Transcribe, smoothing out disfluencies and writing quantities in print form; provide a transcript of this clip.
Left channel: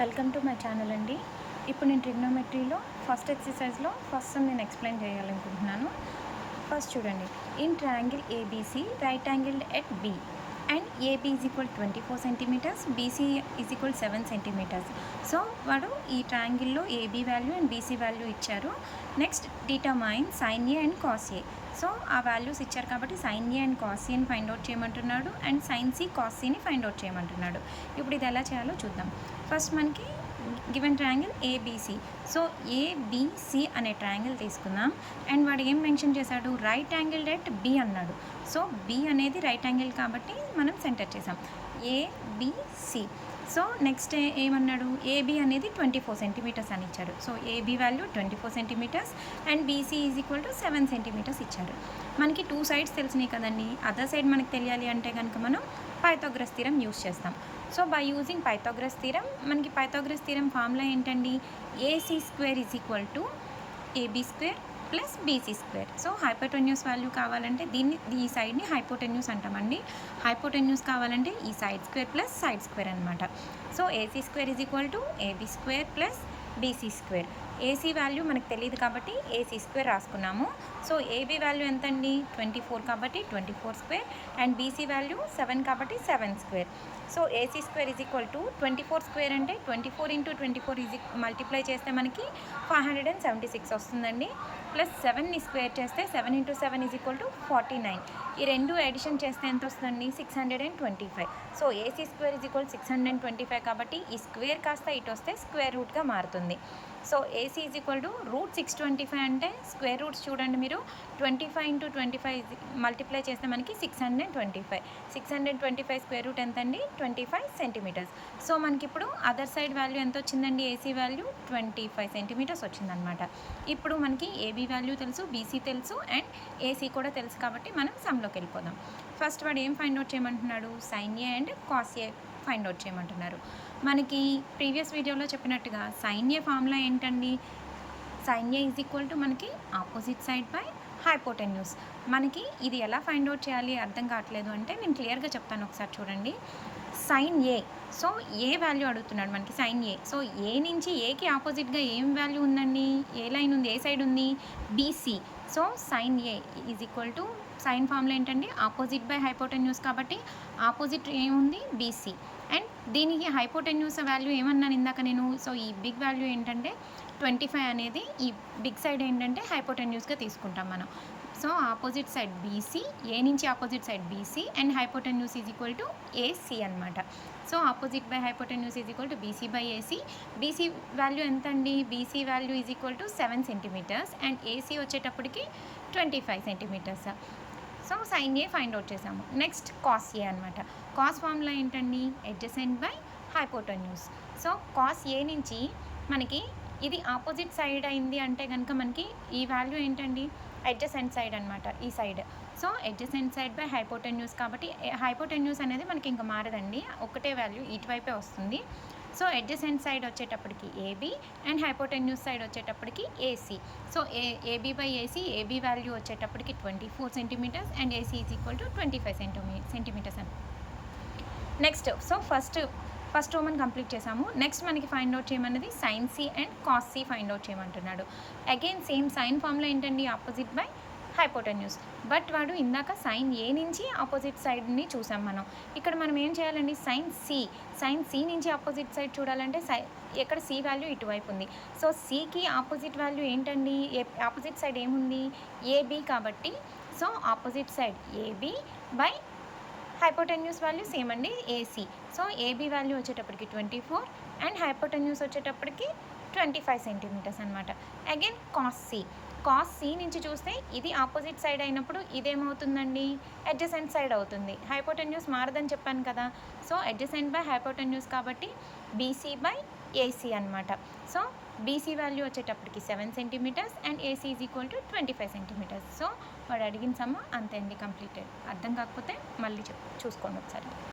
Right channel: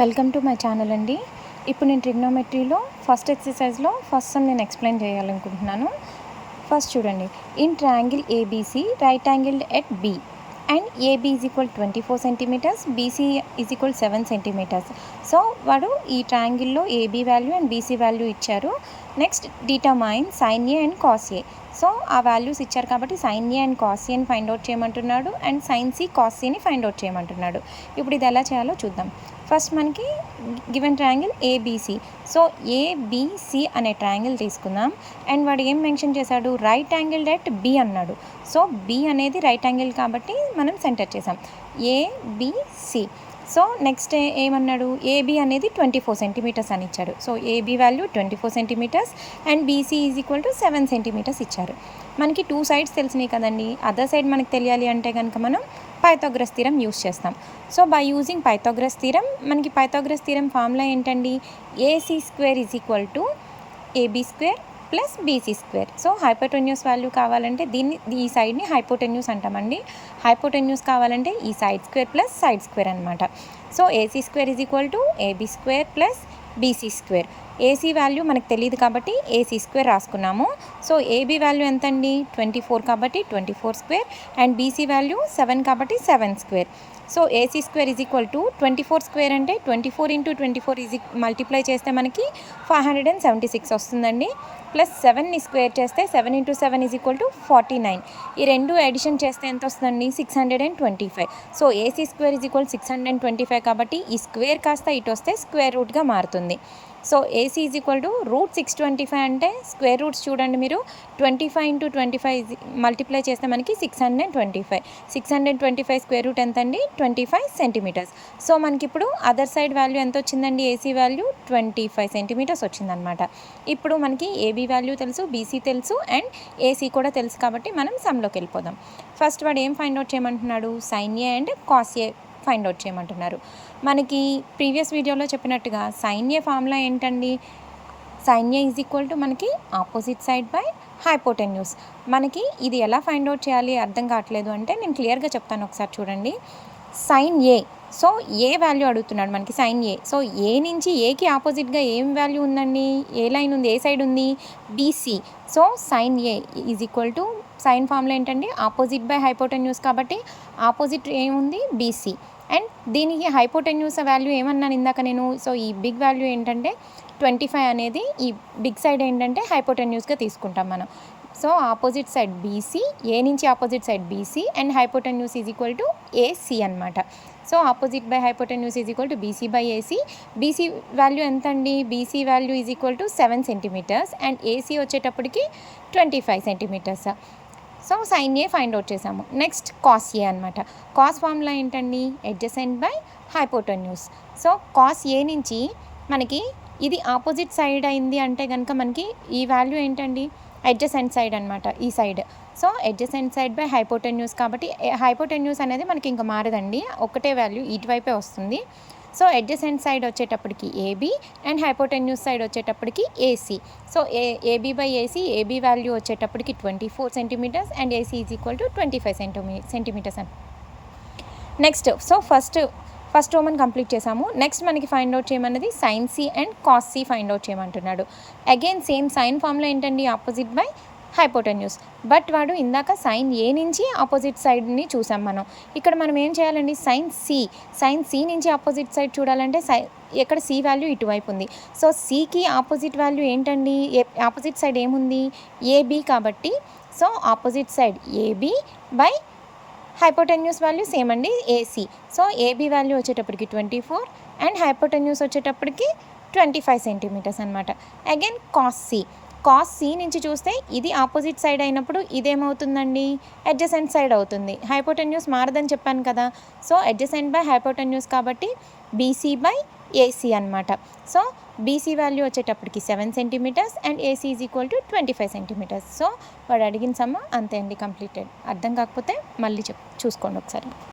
Welcome to my channel అండి. ఇప్పుడు నేను ట్రిగ్నోమెట్రీలో ఫస్ట్ ఎక్సర్సైజ్లో ఫస్ట్ సమ్ నేను ఎక్స్ప్లెయిన్ చేయాలనుకుంటున్నాను. ఫస్ట్ చూడండి, in triangle ABC right angled at B and AB is equal 24 centimetres, BC is equal 7 centimetres. So వాడు ఈ ట్రయాంగిల్లో AB value and BC value ఇచ్చారు. Next determine sine A and cos A. So ఆ values ఇచ్చారు కాబట్టి sine A and cos ఏని find out చేయమంటున్నాడు and sine C cos సిని ఫైండ్ అవుట్ చేయమంటున్నాడు. ఇప్పుడు ఇది ఎలా చేయాలో చూద్దాం. ఫస్ట్ మనకి given triangle ABC. So ABC అనే ట్రయాంగిల్ తీసుకుందాం అండ్ వాడు ఏం మెన్షన్ చేశాడు, రైట్ యాంగిల్ ఎట్ బి అన్నాడు. సో బి అనేది రైట్ యాంగిల్ కాబట్టి మనం సెంటర్ చేసాం ఏబిసి. సో నెక్స్ట్ ఏమన్నాడు, ఏబీ అనేది 24 సెంటీమీటర్స్ అని ఇచ్చాడు. So AB value 24 centimetres and BC is equal to 7 centimetres ఇచ్చారు. మనకి టూ సైడ్స్ తెలిసినాయి కదండి. అదర్ సైడ్ మనకి తెలియాలి అంటే కనుక మనం పైథాగరస్ థీరం యూస్ చేస్తాం. So by using Pythagoras theorem, మనకి పైథాగరస్ థీరం ఫార్ములా ఏంటండి, AC square is equal to AB square plus BC square. So hypotenuse value కావాలంటే ఈ సైడ్ని హైపోటెన్యూస్ అంటామండి. హైపోటెన్యూస్ కావాలంటే ఈ side square plus side square అనమాట. So AC square is equal to AB square plus BC square. AC value మనకు తెలియదు కాబట్టి ఏసీ స్క్వేర్ రాసుకున్నాము. సో ఏబీ వాల్యూ ఎంత అండి, 24 కాబట్టి 24 స్క్వేర్ అండ్ బీసీ వాల్యూ 7 కాబట్టి 7 square. So AC square is equal to 24 square అంటే 24 ఇంటూ 24 మల్టిప్లై చేస్తే మనకి 576 వస్తుందండి. ప్లస్ 7ని స్క్వేర్ చేస్తే 7 ఇంటూ 7 ఈజ్ ఈక్వల్ టు 49. ఈ రెండు ఎడిషన్ చేస్తే ఎంత వస్తుందండి, 625. So AC square is equal 625 కాబట్టి ఈ స్క్వేర్ కాస్త ఇటు వస్తే స్క్వేర్ రూట్గా మారుతుంది. So AC is equal to √625 అంటే స్క్వేర్ రూట్స్ చూడండి మీరు, 25 ఇంటూ 25 మల్టిప్లై చేస్తే మనకి 625. 625 స్క్వేర్ రూట్ ఎంత అండి, 25 సెంటీమీటర్స్. సో మనకి ఇప్పుడు అదర్ సైడ్ వాల్యూ ఎంత వచ్చిందండి, ఏసీ వాల్యూ 25 సెంటీమీటర్స్ వచ్చిందనమాట. ఇప్పుడు మనకి ఏబీ వాల్యూ తెలుసు, బీసీ తెలుసు అండ్ ఏసీ కూడా తెలుసు కాబట్టి మనం సమ్లోకి వెళ్ళిపోదాం. ఫస్ట్ వాడు ఏం ఫైండ్ అవుట్ చేయమంటున్నాడు, sine A and cos A find out చేయమంటున్నారు. మనకి ప్రీవియస్ వీడియోలో చెప్పినట్టుగా సైన్ ఏ ఫార్ములా ఏంటండి, sine A is equal to మనకి ఆపోజిట్ సైడ్ బై హైపోటెన్యూస్. మనకి ఇది ఎలా ఫైండ్ అవుట్ చేయాలి అర్థం కావట్లేదు అంటే నేను క్లియర్గా చెప్తాను, ఒకసారి చూడండి. సైన్ ఏ, సో ఏ వాల్యూ అడుగుతున్నాడు మనకి, సైన్ ఏ. సో ఏ నుంచి ఏకి ఆపోజిట్గా ఏం వాల్యూ ఉందండి, ఏ లైన్ ఉంది, ఏ సైడ్ ఉంది, BC. So sine A is equal to, sine formula ఏంటండి, ఆపోజిట్ బై హైపోటెన్యూస్ కాబట్టి ఆపోజిట్ ఏముంది, బీసీ. అండ్ దీనికి హైపోటెన్యూస్ వాల్యూ ఏమన్నాను ఇందాక నేను. సో ఈ బిగ్ వాల్యూ ఏంటంటే 25 అనేది, ఈ బిగ్ సైడ్ ఏంటంటే హైపోటెన్యూస్గా తీసుకుంటాం మనం. So opposite side BC, A నుంచి opposite side BC and hypotenuse is equal to AC అనమాట. So opposite by hypotenuse is equal to BC by AC. BC value ఎంత అండి, BC value is equal to 7 centimetres and AC వచ్చేటప్పటికి 25 centimetres. So sine A find out చేసాము. Next cos A అనమాట. Cos formula ఏంటండి, adjacent by hypotenuse. So cos A నుంచి మనకి ఇది opposite side అయింది అంటే కనుక మనకి ఈ వాల్యూ ఏంటండి, అడ్జసెంట్ సైడ్ అనమాట, ఈ side. So adjacent side by hypotenuse కాబట్టి హైపోటెన్యూస్ అనేది మనకి ఇంకా మారదండి, ఒకటే వాల్యూ ఇటువైపే వస్తుంది. సో అడ్జసెంట్ సైడ్ వచ్చేటప్పటికి ఏబీ అండ్ హైపోటెన్యూస్ సైడ్ వచ్చేటప్పటికి AC. So AB by AC, AB value వచ్చేటప్పటికి 24 centimetres and AC is equal to 25 centimetres అని. Next so first roman complete చేసాము. నెక్స్ట్ మనకి ఫైండ్ అవుట్ చేయమన్నది sine C and cos C find out చేయమంటున్నాడు. Again same sine formula ఏంటండి, opposite by hypotenuse. But వాడు ఇందాక sign ఏ నుంచి opposite సైడ్ని చూసాం మనం. ఇక్కడ మనం ఏం చేయాలండి, సైన్ సి నుంచి ఆపోజిట్ సైడ్ చూడాలంటే ఎక్కడ సి వాల్యూ ఇటువైపు ఉంది. సో సికి ఆపోజిట్ వాల్యూ ఏంటండి, ఆపోజిట్ సైడ్ ఏముంది, ఏబీ కాబట్టి so opposite side AB by hypotenuse value same అండి, ఏసీ. సో ఏబీ వాల్యూ వచ్చేటప్పటికి 24 అండ్ హైపోటెన్యూస్ వచ్చేటప్పటికి 25 సెంటీమీటర్స్ అనమాట. అగైన్ కాస్ సి నుంచి చూస్తే ఇది ఆపోజిట్ సైడ్ అయినప్పుడు ఇదేమవుతుందండి, అడ్జసెంట్ సైడ్ అవుతుంది. హైపోటెన్యూస్ మారదని చెప్పాను కదా. సో అడ్జసెంట్ బై హైపోటెన్యూస్ కాబట్టి బీసీ బై ఏసీ అనమాట. సో బీసీ వాల్యూ వచ్చేటప్పటికి 7 centimetres and AC is equal to 25 centimetres. So వాడు అడిగిన సమ్మ అంతే అండి, కంప్లీటెడ్. అర్థం కాకపోతే మళ్ళీ చూసుకోండి ఒకసారి.